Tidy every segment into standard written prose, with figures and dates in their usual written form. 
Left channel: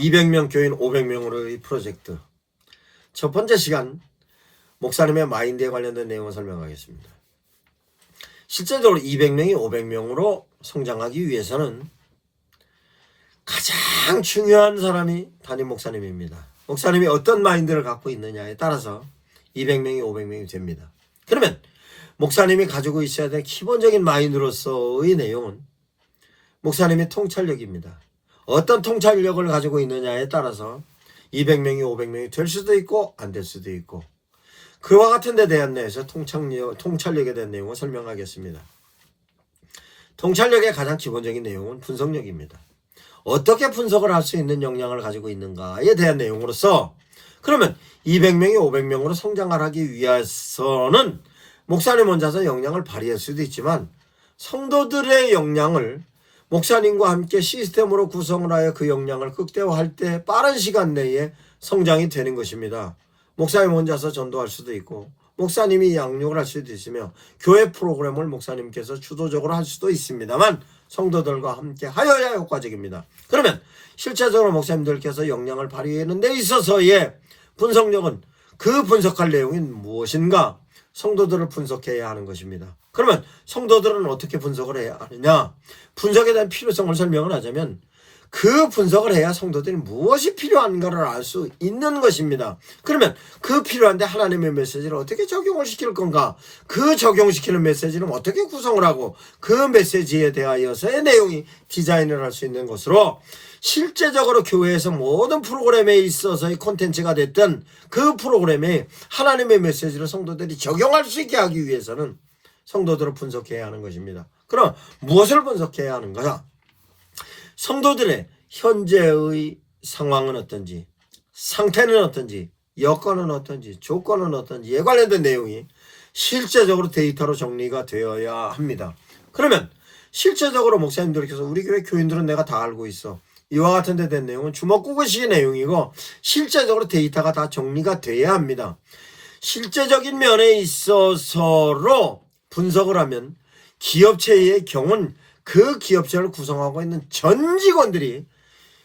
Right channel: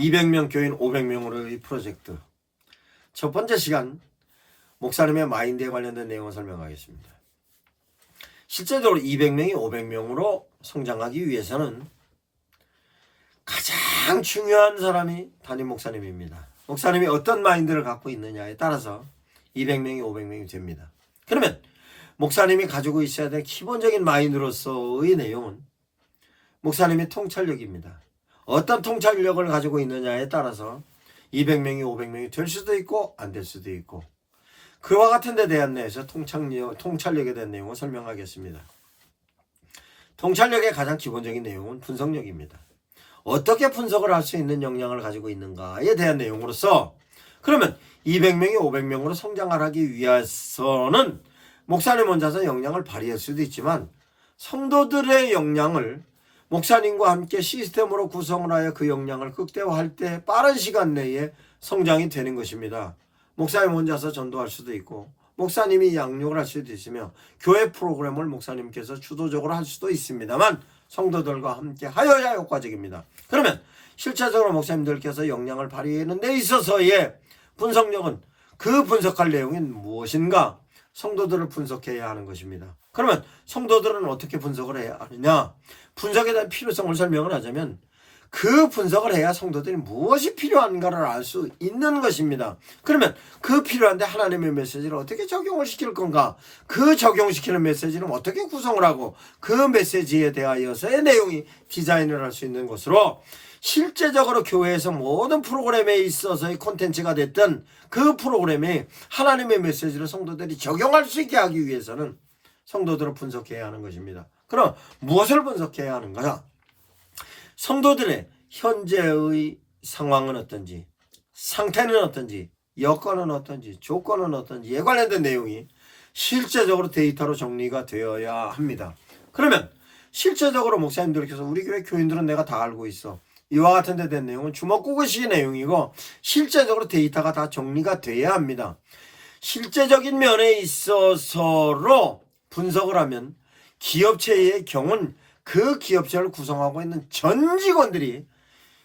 200명 교인 500명으로의 프로젝트. 첫 번째 시간, 목사님의 마인드에 관련된 내용을 설명하겠습니다. 실제적으로 200명이 500명으로 성장하기 위해서는 가장 중요한 사람이 담임 목사님입니다. 목사님이 어떤 마인드를 갖고 있느냐에 따라서 200명이 500명이 됩니다. 그러면 목사님이 가지고 있어야 될 기본적인 마인드로서의 내용은 목사님의 통찰력입니다. 어떤 통찰력을 가지고 있느냐에 따라서 200명이 500명이 될 수도 있고 안 될 수도 있고, 그와 같은 데 대한 내에서 통찰력에 대한 내용을 설명하겠습니다. 통찰력의 가장 기본적인 내용은 분석력입니다. 어떻게 분석을 할 수 있는 역량을 가지고 있는가에 대한 내용으로서, 그러면 200명이 500명으로 성장을 하기 위해서는 목사님 혼자서 역량을 발휘할 수도 있지만 성도들의 역량을 목사님과 함께 시스템으로 구성을 하여 그 역량을 극대화할 때 빠른 시간 내에 성장이 되는 것입니다. 목사님 혼자서 전도할 수도 있고 목사님이 양육을 할 수도 있으며 교회 프로그램을 목사님께서 주도적으로 할 수도 있습니다만 성도들과 함께 하여야 효과적입니다. 그러면 실제적으로 목사님들께서 역량을 발휘하는 데 있어서의 분석력은 그 분석할 내용이 무엇인가? 성도들을 분석해야 하는 것입니다. 그러면 성도들은 어떻게 분석을 해야 하느냐? 분석에 대한 필요성을 설명을 하자면 그 분석을 해야 성도들이 무엇이 필요한가를 알 수 있는 것입니다. 그러면 그 필요한데 하나님의 메시지를 어떻게 적용을 시킬 건가? 그 적용시키는 메시지는 어떻게 구성을 하고 그 메시지에 대하여서의 내용이 디자인을 할 수 있는 것으로, 실제적으로 교회에서 모든 프로그램에 있어서의 콘텐츠가 됐든 그 프로그램에 하나님의 메시지를 성도들이 적용할 수 있게 하기 위해서는 성도들을 분석해야 하는 것입니다. 그럼 무엇을 분석해야 하는가? 성도들의 현재의 상황은 어떤지, 상태는 어떤지, 여건은 어떤지, 조건은 어떤지에 관련된 내용이 실제적으로 데이터로 정리가 되어야 합니다. 그러면 실제적으로 목사님들께서 우리 교회 교인들은 내가 다 알고 있어, 이와 같은 데 된 내용은 주먹구구식의 내용이고 실제적으로 데이터가 다 정리가 돼야 합니다. 실제적인 면에 있어서로 분석을 하면 기업체의 경우는 그 기업체를 구성하고 있는 전 직원들이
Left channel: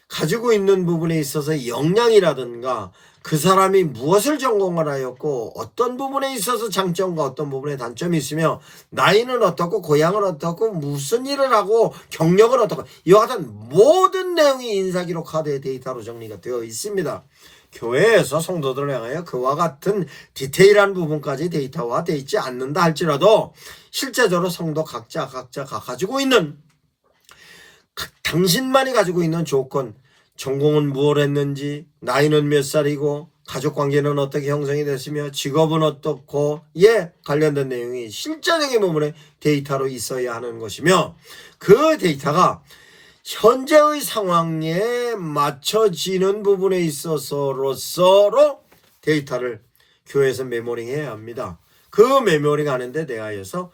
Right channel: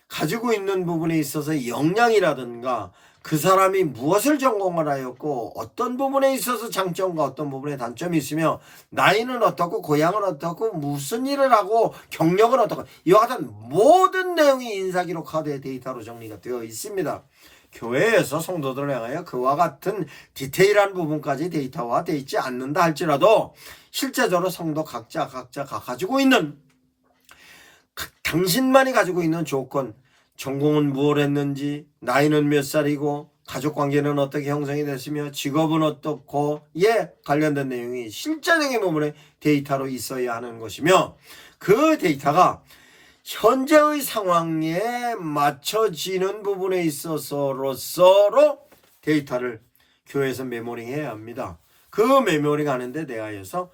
가지고 있는 부분에 있어서 역량이라든가 그 사람이 무엇을 전공을 하였고 어떤 부분에 있어서 장점과 어떤 부분에 단점이 있으며 나이는 어떻고 고향은 어떻고 무슨 일을 하고 경력은 어떻고, 이와 같은 모든 내용이 인사기록화된 데이터로 정리가 되어 있습니다. 교회에서 성도들을 향하여 그와 같은 디테일한 부분까지 데이터화되어 있지 않는다 할지라도 실제적으로 성도 각자가 가지고 있는, 당신만이 가지고 있는 조건, 전공은 무엇을 했는지, 나이는 몇 살이고, 가족관계는 어떻게 형성이 됐으며, 직업은 어떻고에 관련된 내용이 실제적인 부분에 데이터로 있어야 하는 것이며, 그 데이터가 현재의 상황에 맞춰지는 부분에 있어서로 데이터를 교회에서 메모링해야 합니다. 그 메모링 하는데 대하여서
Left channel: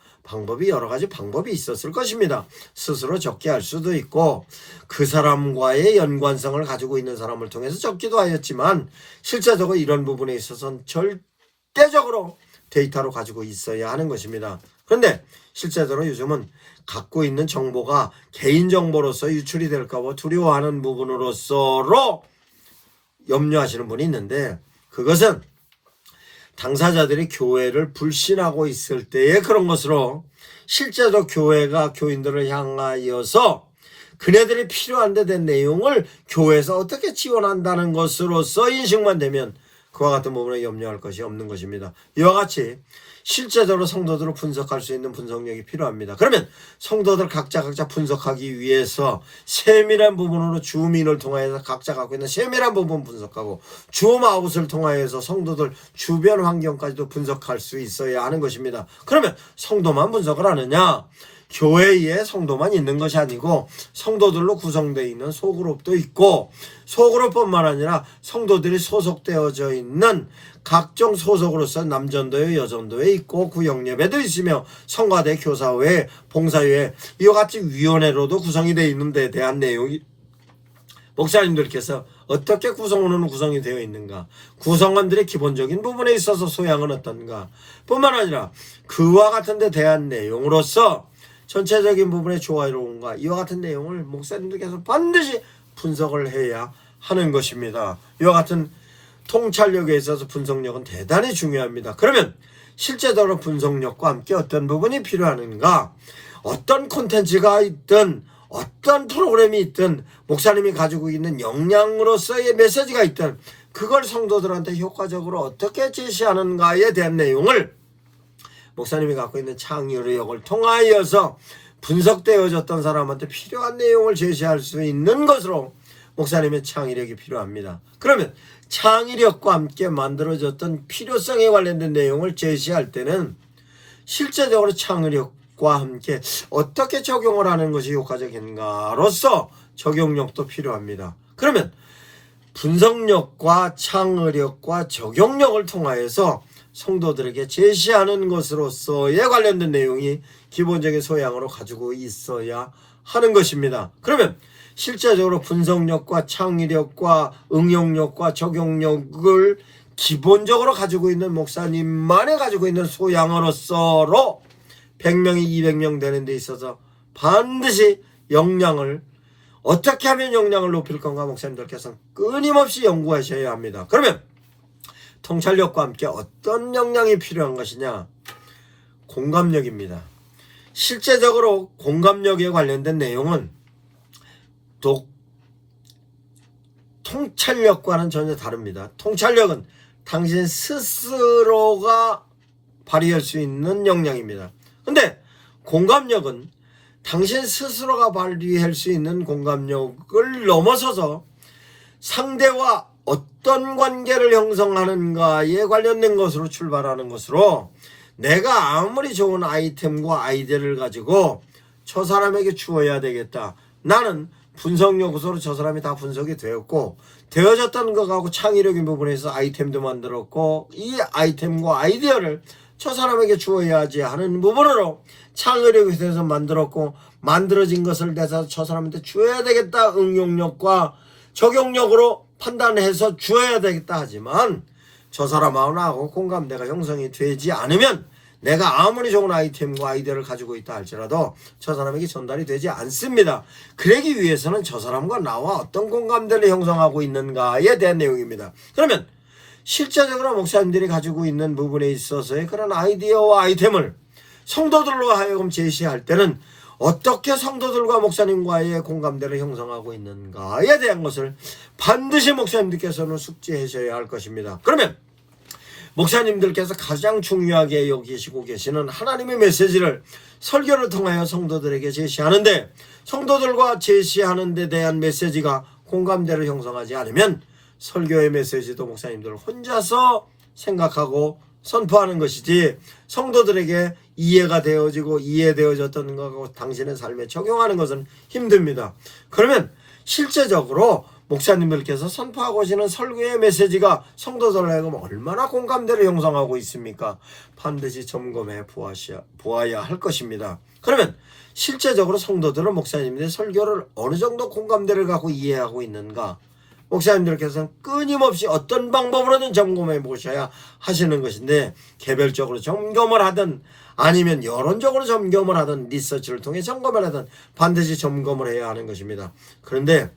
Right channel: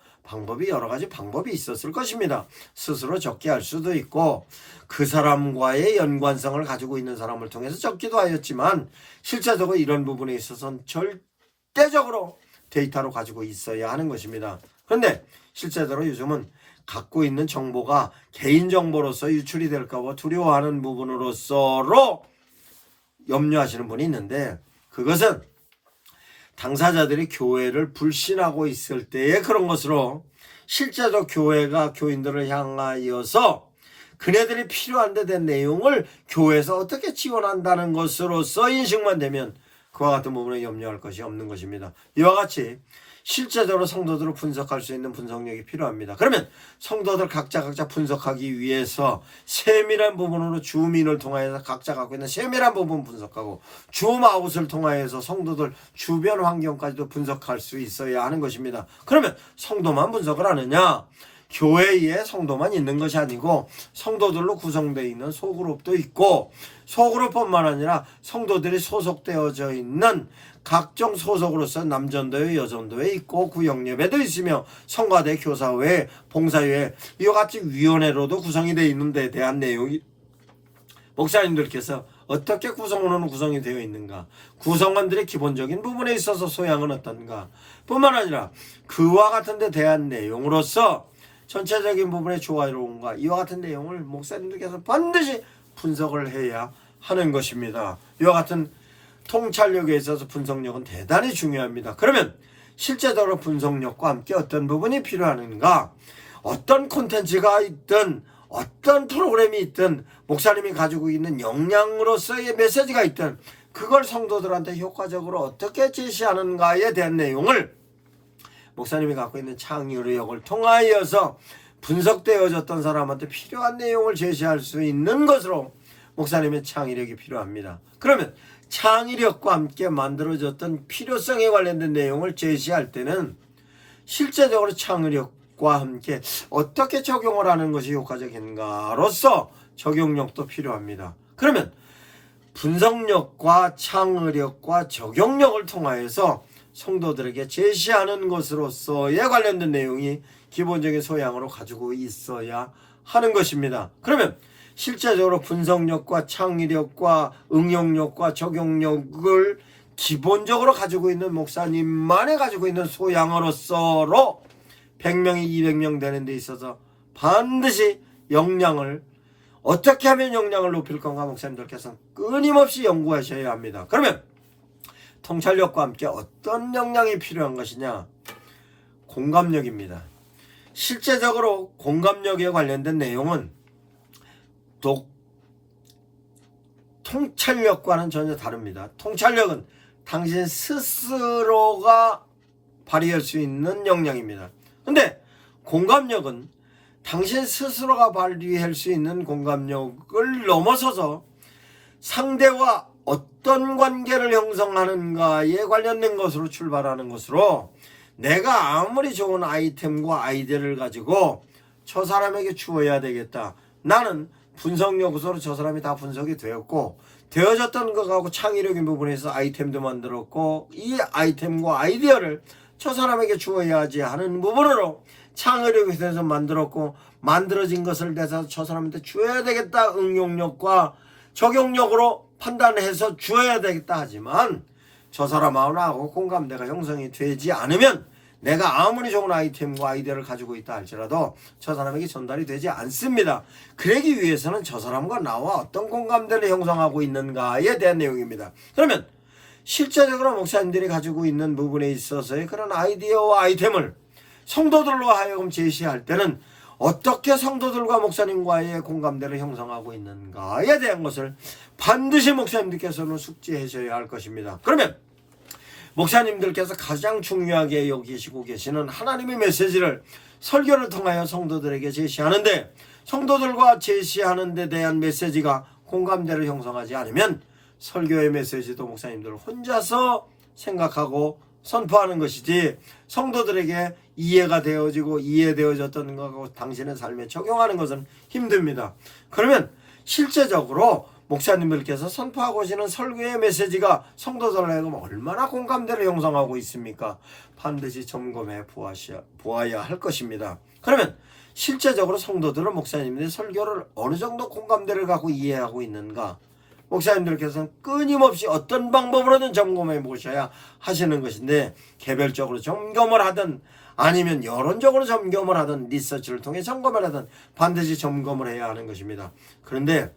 여러 가지 방법이 있었을 것입니다. 스스로 적게 할 수도 있고 그 사람과의 연관성을 가지고 있는 사람을 통해서 적기도 하였지만 실제적으로 이런 부분에 있어서는 절대적으로 데이터로 가지고 있어야 하는 것입니다. 그런데 실제적으로 요즘은 갖고 있는 정보가 개인정보로서 유출이 될까 봐 두려워하는 부분으로서로 염려하시는 분이 있는데, 그것은 당사자들이 교회를 불신하고 있을 때의 그런 것으로, 실제로 교회가 교인들을 향하여서 그네들이 필요한 데 된 내용을 교회에서 어떻게 지원한다는 것으로서 인식만 되면 그와 같은 부분에 염려할 것이 없는 것입니다. 이와 같이 실제적으로 성도들을 분석할 수 있는 분석력이 필요합니다. 그러면 성도들 각자 분석하기 위해서 세밀한 부분으로 줌인을 통하여서 각자 갖고 있는 세밀한 부분 분석하고 줌아웃을 통하여서 성도들 주변 환경까지도 분석할 수 있어야 하는 것입니다. 그러면 성도만 분석을 하느냐? 교회에 성도만 있는 것이 아니고 성도들로 구성되어 있는 소그룹도 있고, 소그룹뿐만 아니라 성도들이 소속되어져 있는 각종 소속으로서 남전도회, 여전도회 있고 구역예배도 있으며 성가대, 교사회, 봉사회, 이와 같이 위원회로도 구성이 되어 있는 데 대한 내용이 목사님들께서 어떻게 구성이 되어 있는가, 구성원들의 기본적인 부분에 있어서 소양은 어떤가 뿐만 아니라 그와 같은 데 대한 내용으로서 전체적인 부분의 조화로움과 이와 같은 내용을 목사님들께서 반드시 분석을 해야 하는 것입니다. 이와 같은 통찰력에 있어서 분석력은 대단히 중요합니다. 그러면 실제적으로 분석력과 함께 어떤 부분이 필요하는가? 어떤 콘텐츠가 있든 어떤 프로그램이 있든 목사님이 가지고 있는 역량으로서의 메시지가 있든 그걸 성도들한테 효과적으로 어떻게 제시하는가에 대한 내용을 목사님이 갖고 있는 창의력을 통하여서 분석되어졌던 사람한테 필요한 내용을 제시할 수 있는 것으로 목사님의 창의력이 필요합니다. 그러면 창의력과 함께 만들어졌던 필요성에 관련된 내용을 제시할 때는 실제적으로 창의력과 함께 어떻게 적용을 하는 것이 효과적인가로서 적용력도 필요합니다. 그러면 분석력과 창의력과 적용력을 통하여서 성도들에게 제시하는 것으로서의 관련된 내용이 기본적인 소양으로 가지고 있어야 하는 것입니다. 그러면 실제적으로 분석력과 창의력과 응용력과 적용력을 기본적으로 가지고 있는 목사님만이 가지고 있는 소양으로서로 100명이 200명 되는 데 있어서 반드시 역량을 어떻게 하면 역량을 높일 건가 목사님들께서 끊임없이 연구하셔야 합니다. 그러면 통찰력과 함께 어떤 역량이 필요한 것이냐? 공감력입니다. 실제적으로 공감력에 관련된 내용은 통찰력과는 전혀 다릅니다. 통찰력은 당신 스스로가 발휘할 수 있는 역량입니다. 근데 공감력은 당신 스스로가 발휘할 수 있는 공감력을 넘어서서 상대와 어떤 관계를 형성하는가에 관련된 것으로 출발하는 것으로 내가 아무리 좋은 아이템과 아이디어를 가지고 저 사람에게 주어야 되겠다. 나는 분석 요소로 저 사람이 다 분석이 되었고 되어졌다는 것하고 창의력인 부분에서 아이템도 만들었고 이 아이템과 아이디어를 저 사람에게 주어야지 하는 부분으로 창의력에 대해서 만들었고 만들어진 것을 내서 저 사람한테 주어야 되겠다. 응용력과 적용력으로 판단해서 주어야 되겠다 하지만 저 사람하고 공감대가 형성이 되지 않으면 내가 아무리 좋은 아이템과 아이디어를 가지고 있다 할지라도 저 사람에게 전달이 되지 않습니다. 그러기 위해서는 저 사람과 나와 어떤 공감대를 형성하고 있는가에 대한 내용입니다. 그러면 실제적으로 목사님들이 가지고 있는 부분에 있어서의 그런 아이디어와 아이템을 성도들로 하여금 제시할 때는 어떻게 성도들과 목사님과의 공감대를 형성하고 있는가에 대한 것을 반드시 목사님들께서는 숙지하셔야 할 것입니다. 그러면 목사님들께서 가장 중요하게 여기시고 계시는 하나님의 메시지를 설교를 통하여 성도들에게 제시하는데 성도들과 제시하는 데 대한 메시지가 공감대를 형성하지 않으면 설교의 메시지도 목사님들 혼자서 생각하고 선포하는 것이지 성도들에게 이해가 되어지고 이해되어졌던 것하고 당신의 삶에 적용하는 것은 힘듭니다. 그러면 실제적으로 목사님들께서 선포하고 오시는 설교의 메시지가 성도들에게 얼마나 공감대를 형성하고 있습니까? 반드시 점검해 보아야 할 것입니다. 그러면 실제적으로 성도들은 목사님들의 설교를 어느 정도 공감대를 갖고 이해하고 있는가? 목사님들께서는 끊임없이 어떤 방법으로든 점검해 보셔야 하시는 것인데 개별적으로 점검을 하든 아니면 여론적으로 점검을 하든 리서치를 통해 점검을 하든 반드시 점검을 해야 하는 것입니다. 그런데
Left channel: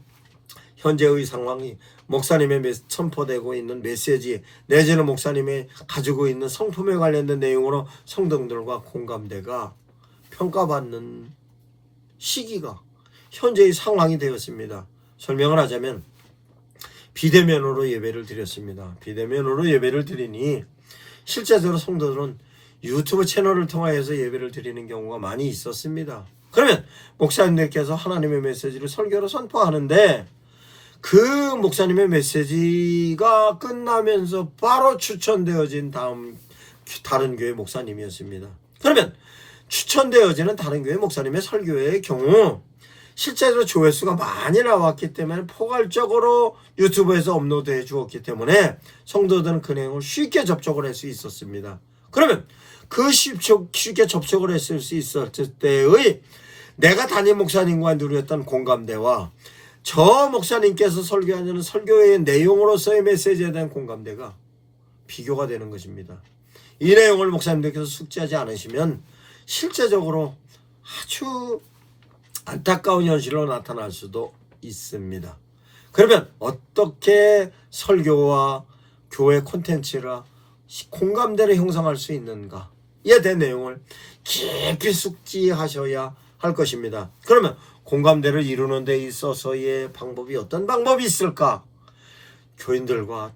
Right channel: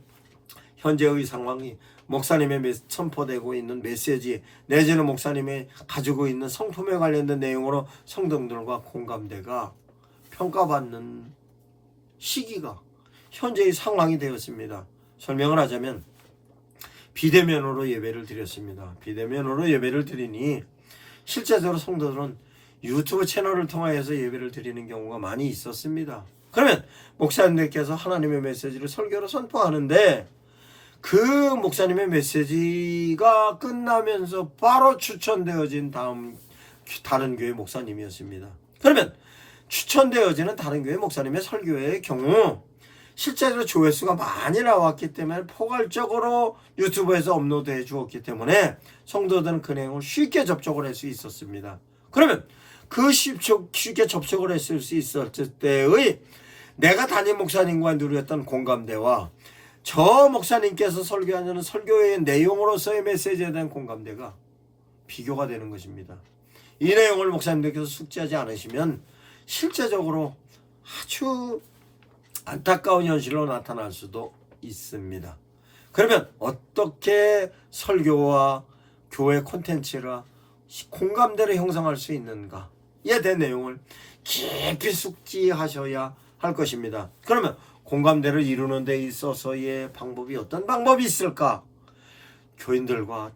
현재의 상황이 목사님의 선포되고 있는 메시지 내지는 목사님이 가지고 있는 성품에 관련된 내용으로 성도들과 공감대가 평가받는 시기가 현재의 상황이 되었습니다. 설명을 하자면 비대면으로 예배를 드렸습니다. 비대면으로 예배를 드리니 실제적으로 성도들은 유튜브 채널을 통하여서 예배를 드리는 경우가 많이 있었습니다. 그러면 목사님들께서 하나님의 메시지를 설교로 선포하는데 그 목사님의 메시지가 끝나면서 바로 추천되어진 다른 교회 목사님이었습니다. 그러면 추천되어지는 다른 교회 목사님의 설교의 경우 실제로 조회수가 많이 나왔기 때문에 포괄적으로 유튜브에서 업로드해 주었기 때문에 성도들은 그 내용을 쉽게 접촉을 할 수 있었습니다. 그러면 그 쉽게 접촉을 했을 수 있었을 때의 내가 담임 목사님과 누렸던 공감대와 저 목사님께서 설교하는 설교의 내용으로서의 메시지에 대한 공감대가 비교가 되는 것입니다. 이 내용을 목사님들께서 숙지하지 않으시면 실제적으로 아주 안타까운 현실로 나타날 수도 있습니다. 그러면 어떻게 설교와 교회 콘텐츠라 공감대를 형성할 수 있는가에 대한 내용을 깊이 숙지하셔야 할 것입니다. 그러면 공감대를 이루는 데 있어서의 방법이 어떤 방법이 있을까? 교인들과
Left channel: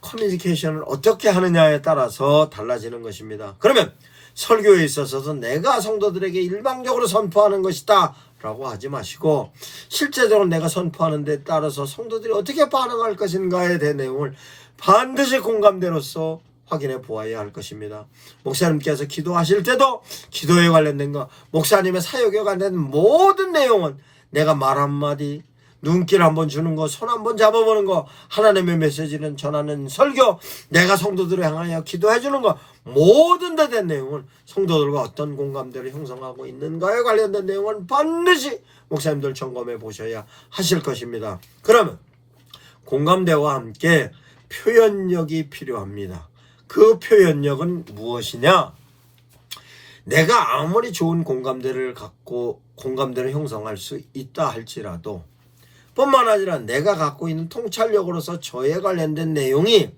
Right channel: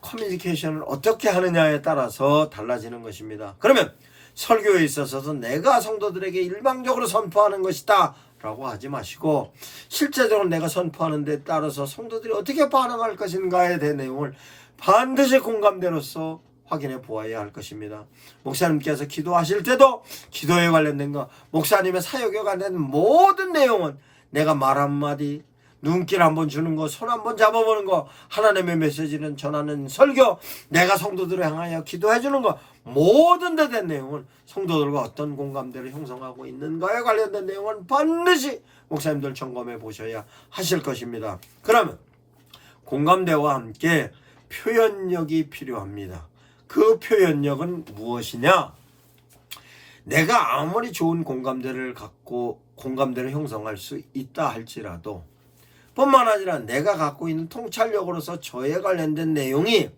커뮤니케이션을 어떻게 하느냐에 따라서 달라지는 것입니다. 그러면 설교에 있어서 내가 성도들에게 일방적으로 선포하는 것이다 라고 하지 마시고 실제적으로 내가 선포하는 데 따라서 성도들이 어떻게 반응할 것인가에 대한 내용을 반드시 공감대로서 확인해 보아야 할 것입니다. 목사님께서 기도하실 때도 기도에 관련된 것, 목사님의 사역에 관련된 모든 내용은 내가 말 한마디, 눈길 한번 주는 거, 손 한번 잡아보는 거, 하나님의 메시지는 전하는 설교, 내가 성도들을 향하여 기도해 주는 거, 모든 데 된 내용을 성도들과 어떤 공감대를 형성하고 있는가에 관련된 내용은 반드시 목사님들 점검해 보셔야 하실 것입니다. 그러면 공감대와 함께 표현력이 필요합니다. 그 표현력은 무엇이냐? 내가 아무리 좋은 공감대를 갖고 공감대를 형성할 수 있다 할지라도 뿐만 아니라 내가 갖고 있는 통찰력으로서 저에 관련된 내용이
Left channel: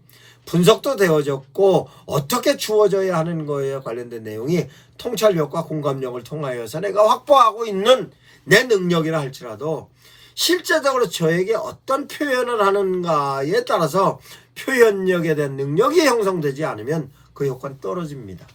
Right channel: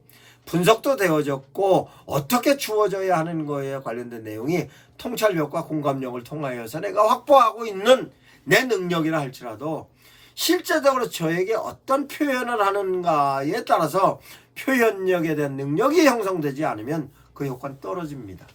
분석도 되어졌고 어떻게 주어져야 하는 거에 관련된 내용이 통찰력과 공감력을 통하여서 내가 확보하고 있는 내 능력이라 할지라도 실제적으로 저에게 어떤 표현을 하는가에 따라서 표현력에 대한 능력이 형성되지 않으면 그 효과는 떨어집니다.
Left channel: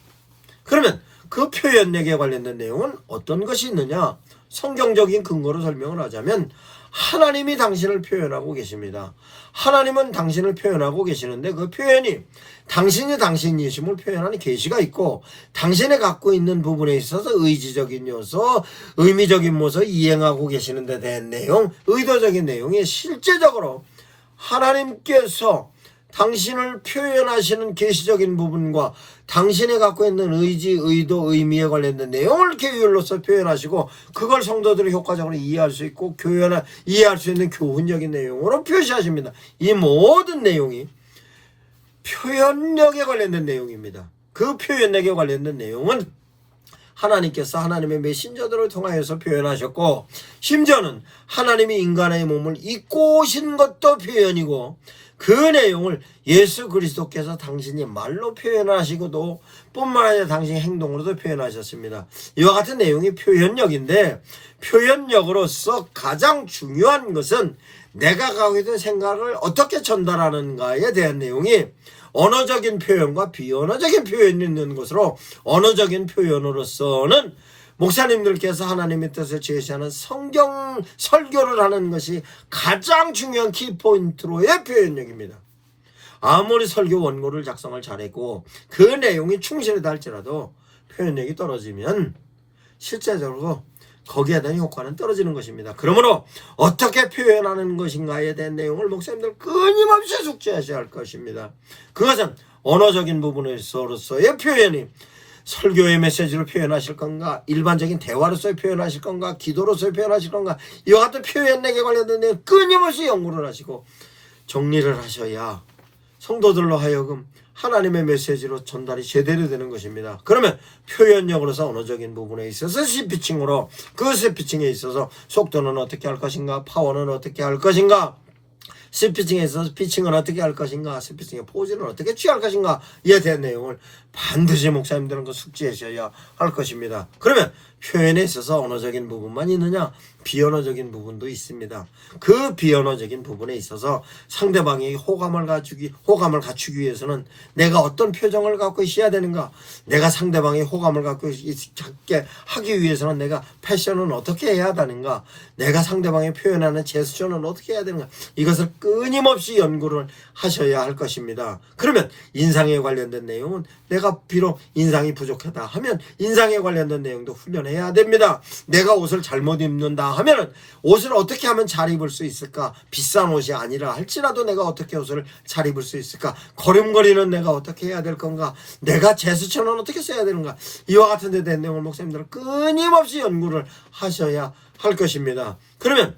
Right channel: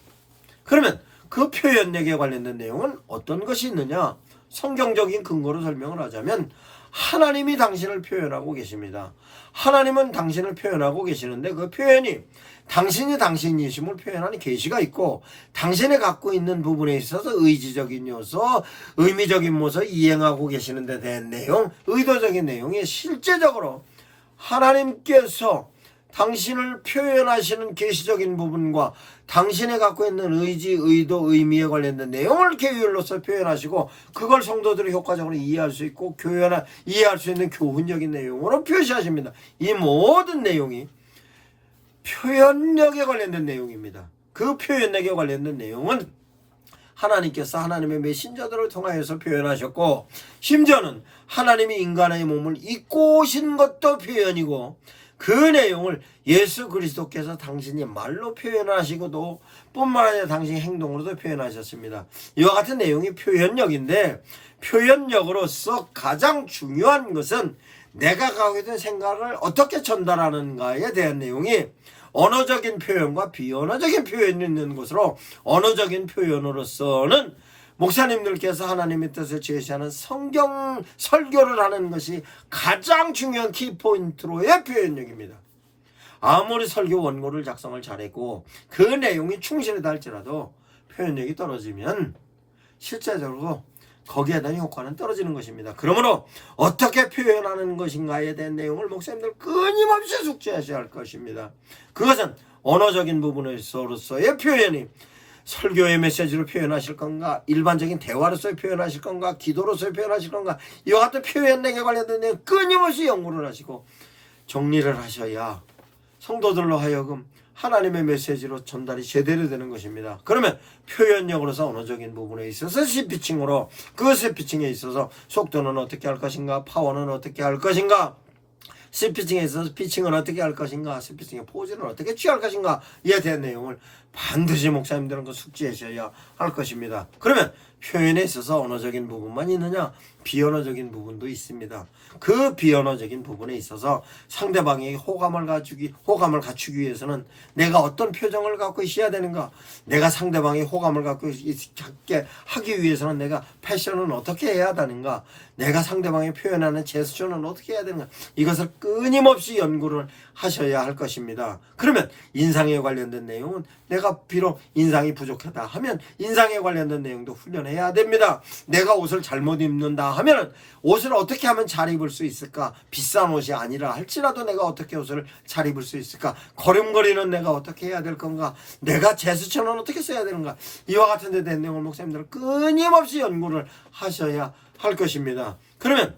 그러면 그 표현력에 관련된 내용은 어떤 것이 있느냐? 성경적인 근거로 설명을 하자면 하나님이 당신을 표현하고 계십니다. 하나님은 당신을 표현하고 계시는데 그 표현이 당신이 당신이심을 표현하는 계시가 있고 당신이 갖고 있는 부분에 있어서 의지적인 요소, 의미적인 모습 이행하고 계시는 데 대한 내용, 의도적인 내용이 실제적으로 하나님께서 당신을 표현하시는 계시적인 부분과 당신이 갖고 있는 의지, 의도, 의미에 관련된 내용을 계율로서 표현하시고 그걸 성도들이 효과적으로 이해할 수 있고 이해할 수 있는 교훈적인 내용으로 표시하십니다. 이 모든 내용이 표현력에 관련된 내용입니다. 그 표현력에 관련된 내용은 하나님께서 하나님의 메신저들을 통하여서 표현하셨고 심지어는 하나님이 인간의 몸을 입고 오신 것도 표현이고 그 내용을 예수 그리스도께서 당신이 말로 표현하시고도 뿐만 아니라 당신의 행동으로도 표현하셨습니다. 이와 같은 내용이 표현력인데 표현력으로서 가장 중요한 것은 내가 갖고 있는 생각을 어떻게 전달하는가에 대한 내용이 언어적인 표현과 비언어적인 표현이 있는 것으로 언어적인 표현으로서는 목사님들께서 하나님의 뜻을 제시하는 성경 설교를 하는 것이 가장 중요한 키포인트로의 표현력입니다. 아무리 설교 원고를 작성을 잘했고 그 내용이 충실하다 할지라도 표현력이 떨어지면 실제적으로 거기에 대한 효과는 떨어지는 것입니다. 그러므로 어떻게 표현하는 것인가에 대한 내용을 목사님들 끊임없이 숙지하셔야 할 것입니다. 그것은 언어적인 부분에서로서의 표현이 설교의 메시지로 표현하실 건가, 일반적인 대화로서의 표현하실 건가, 기도로서의 표현하실 건가, 이와 같은 표현력에 관련된 내용 끊임없이 연구를 하시고 정리를 하셔야 성도들로 하여금 하나님의 메시지로 전달이 제대로 되는 것입니다. 그러면 표현력으로서 언어적인 부분에 있어서 스피칭으로 그 스피칭에 있어서 속도는 어떻게 할 것인가, 파워는 어떻게 할 것인가, 스피칭에 있어서 피칭은 어떻게 할 것인가, 스피칭의 포즈는 어떻게 취할 것인가 이에 대한 내용을 반드시 목사님들은 그 숙지하셔야 할 것입니다. 그러면 표현에 있어서 언어적인 부분만 있느냐? 비언어적인 부분도 있습니다. 그 비언어적인 부분에 있어서 상대방에게 호감을 갖추기 위해서는 내가 어떤 표정을 갖고 있어야 되는가? 내가 상대방의 호감을 갖고 있게 하기 위해서는 내가 패션은 어떻게 해야 되는가? 내가 상대방의 표현하는 제스처는 어떻게 해야 되는가? 이것을 끊임없이 연구를 하셔야 할 것입니다. 그러면 인상에 관련된 내용은 내가 비록 인상이 부족하다 하면 인상에 관련된 내용도 훈련해야 됩니다. 내가 옷을 잘못 입는다 하면 옷을 어떻게 하면 잘 입을 수 있을까? 비싼 옷이 아니라 할지라도 내가 어떻게 옷을 잘 입을 수 있을까? 걸음걸이는 내가 어떻게 해야 될 건가? 내가 제스처는 어떻게 써야 되는가? 이와 같은 데 대한 내용을 목사님들은 끊임없이 연구를 하셔야 할 것입니다. 그러면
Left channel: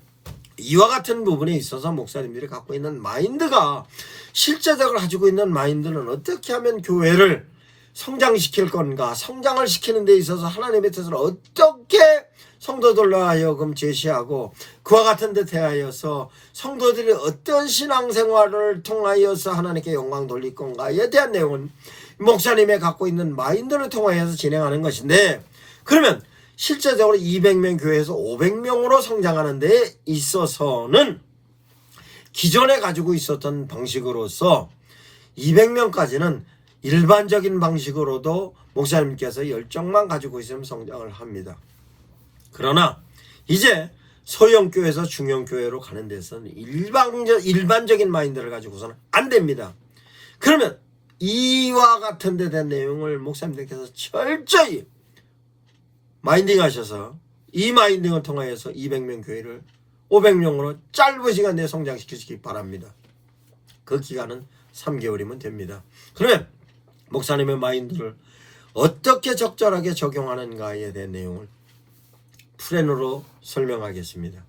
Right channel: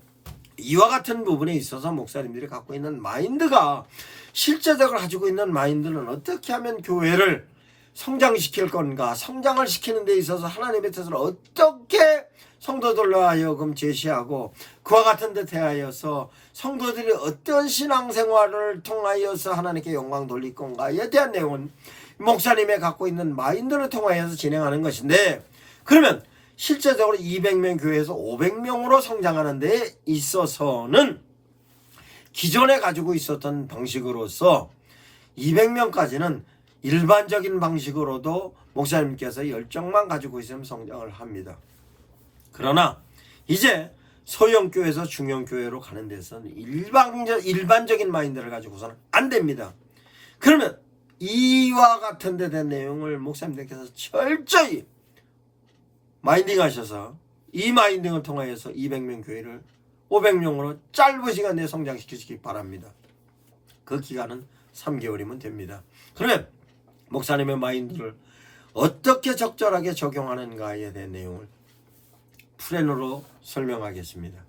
이와 같은 부분에 있어서 목사님들이 갖고 있는 마인드가 실제적으로 가지고 있는 마인드는 어떻게 하면 교회를 성장시킬 건가, 성장을 시키는 데 있어서 하나님의 뜻을 어떻게 성도들로 하여금 제시하고 그와 같은 데 대하여서 성도들이 어떤 신앙생활을 통하여서 하나님께 영광 돌릴 건가에 대한 내용은 목사님이 갖고 있는 마인드를 통하여서 진행하는 것인데, 그러면 실제적으로 200명 교회에서 500명으로 성장하는 데 있어서는 기존에 가지고 있었던 방식으로서 200명까지는 일반적인 방식으로도 목사님께서 열정만 가지고 있으면 성장을 합니다. 그러나 이제 소형교회에서 중형교회로 가는 데서는 일반적인 마인드를 가지고서는 안 됩니다. 그러면 이와 같은 데 대한 내용을 목사님들께서 철저히 마인딩 하셔서 이 마인딩을 통하여서 200명 교회를 500명으로 짧은 시간 내에 성장시키시기 바랍니다. 그 기간은 3개월이면 됩니다. 그러면 목사님의 마인드를 어떻게 적절하게 적용하는가에 대한 내용을 프레너로 설명하겠습니다.